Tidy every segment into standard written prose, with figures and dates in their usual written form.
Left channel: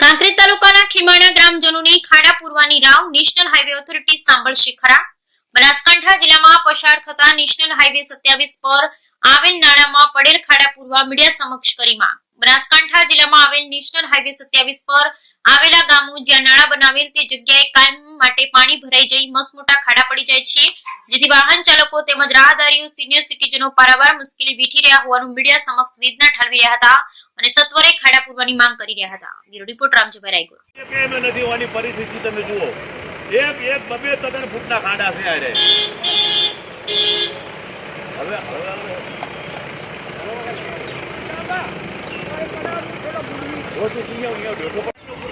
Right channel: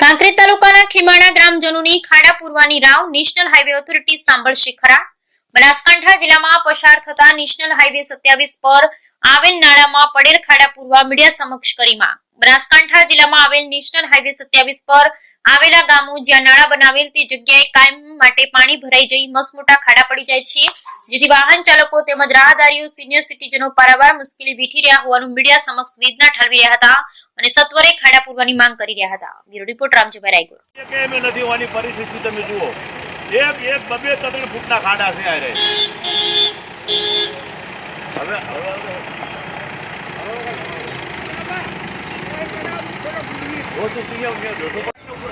કાંકરેજ તાલુકાના ખીમાણા ગ્રામજનોની ખાડા પૂરવાની Rao national highway authority સાંભળશે ખરા? બનાસકાંઠા જિલ્લામાં પસાર થતા નેશનલ હાઈવે 27 પર આવેલ નાળામાં પડેલ ખાડા પૂરવા મીડિયા સમક્ષ કરી માંગ। બનાસકાંઠા જિલ્લામાં આવેલ નેશનલ હાઈવે 27 પર આવેલા ગામો જ્યાં નાળા બનાવેલ તે જગ્યાએ કાયમ માટે પાણી ભરાઈ જઈ મસમોટા ખાડા પડી જાય છે, જેથી વાહન ચાલકો તેમજ રાહદારીઓ સિનિયર સિટીઝનો પારાવાર મુશ્કેલી વેઠી રહ્યા હોવાનું મીડિયા સમક્ષ વેદના ઠાલવી રહ્યા હતા અને સત્વરે ખાડા પૂરવાની માંગ કરી રહ્યા હતા। Bureau report Ramjibhai Raigor. કે મે નથી હોવાની પરિસ્થિતિ તમે જુઓ, એક બબે તગણ ફૂટના ખાડા છે આરે। હવે वो तो किया हो गया देखो હવે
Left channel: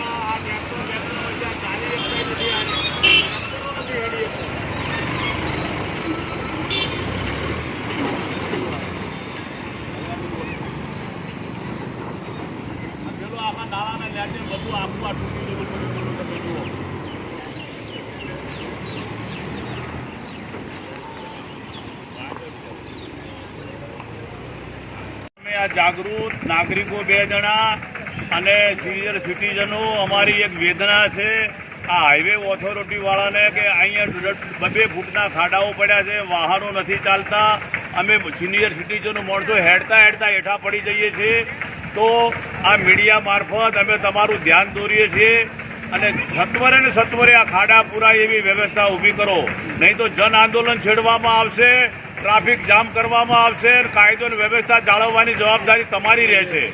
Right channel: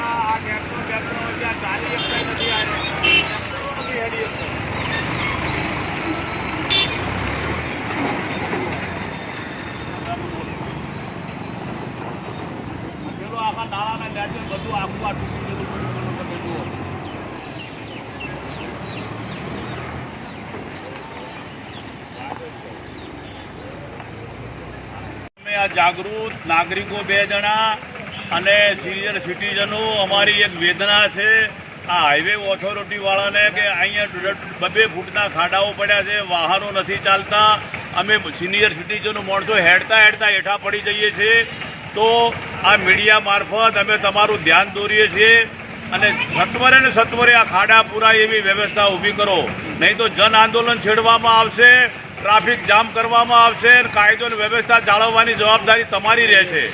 આ ટ્રેક્ટર હોય આ ચાલી એકસાઈ નથી આ ટ્રેક્ટરો નથી હેડી પેલો આખા નાળાના નેચર બધું આખું આ તૂટી જતું પડ્યું તમે જુઓ। આ જાગૃત નાગરિકો 2 જણા અને સિનિયર સિટીઝનો અમારી એક વેદના છે આ હાઈવે ઓથોરિટી વાળાને કે અહીંયા 2 ફૂટના ખાડાઓ પડ્યા છે, વાહનો નથી ચાલતા, અમે સિનિયર સિટીઝનો માણસો હેડતા હેઠા પડી જઈએ છીએ। તો આ મીડિયા મારફત અમે તમારું ધ્યાન દોરીએ છીએ અને સત્વરે આ ખાડા પૂરાય એવી વ્યવસ્થા ઊભી કરો, નહીં તો જન આંદોલન છેડવામાં આવશે, ટ્રાફિક જામ કરવામાં આવશે, કાયદો અને વ્યવસ્થા જાળવવાની જવાબદારી તમારી રહેશે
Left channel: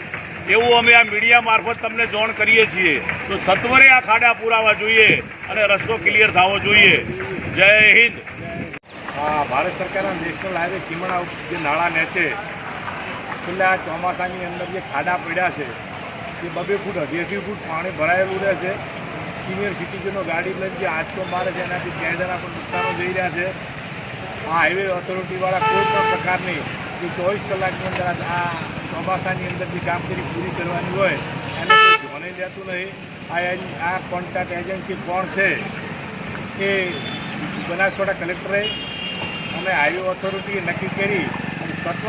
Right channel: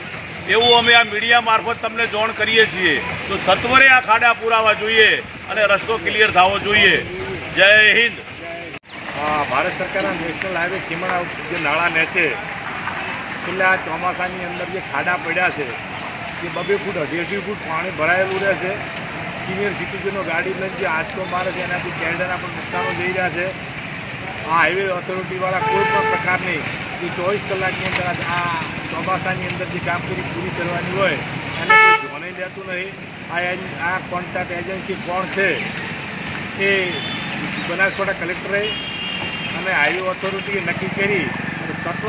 એવું અમે આ મીડિયા મારફત તમને જાણ કરીએ છીએ। તો સત્વરે આ ખાડા પૂરાવા જોઈએ અને રસ્તો ક્લિયર થવો જોઈએ। જય હિન્દ। ભારત સરકારના નેશનલ હાઈવે ખીમણા જે નાળા ને છે છેલ્લા ચોમાસાની અંદર જે ખાડા પડ્યા છે એ 2 ફૂટ 1.5 ફૂટ પાણી ભરાયેલું રહે છે। સિનિયર સિટીઝનો ગાડી લઈને જે આંચકો મારે છે એનાથી કેરડાના પણ નુકસાનો જઈ રહ્યા છે। આ હાઈવે ઓથોરિટીવાળા કોઈ પણ પ્રકારની જે 24 કલાકની અંદર આ ચોમાસાની અંદર જે કામગીરી પૂરી કરવાની હોય એને કોઈ ધ્યાને લેતું નહીં। આ કોન્ટ્રાક્ટ એજન્સી કોણ છે એ બનાસકાંઠા કલેક્ટરે અને હાઈવે ઓથોરિટીએ નક્કી કરી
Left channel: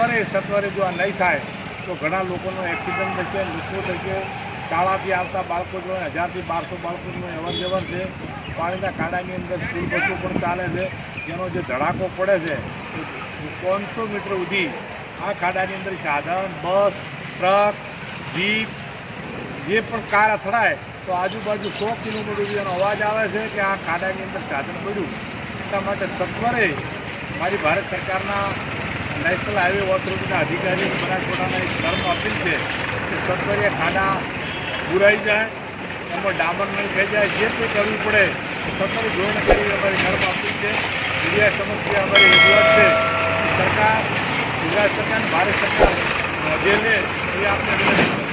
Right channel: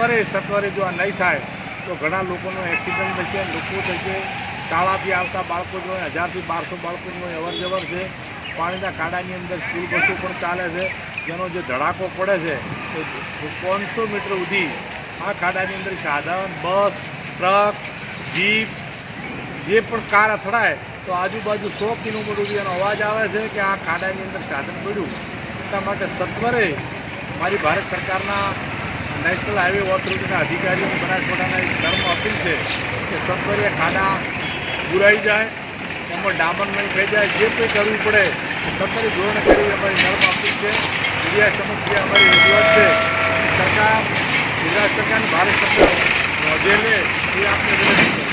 અને સત્વરે જો આ નહીં થાય તો ઘણા લોકોનો એક્સિડન્ટ થશે, લોકો થશે, શાળાથી આવતા બાળકો જો 1000 થી 1200 બાળકોની અવરજવર છે। પાણીના ખાડાની અંદર સ્કૂલ બસો પણ ચાલે છે, જેનો જે ધડાકો પડે છે તો 500 મીટર સુધી આ ખાડાની અંદર સાધન, બસ, ટ્રક, જીપ જે પણ કાર અથડાય તો આજુબાજુ 100 કિલોમીટર સુધી એનો અવાજ આવે છે કે આ ખાડાની અંદર સાધન પડ્યું। એટલા માટે સત્વરે મારી ભારત સરકારના નેશનલ હાઈવે ઓથોરિટીના અધિકારીઓ બનાસકાંઠાના એક ધર્મ અપીલ છે કે સત્વરે ખાડા પૂરાઈ જાય, એમાં ડામર નહીં થઈ જાય, જે કંઈ કરવું પડે સત્વરે ધોરણે કરી અમારી ધર્મ અપીલ છે। મીડિયા સમક્ષ જે અમારી રજૂઆત છે સરકાર, ગુજરાત સરકાર, ભારત સરકાર નોંધે લે એ આપણે વિનંતી છે।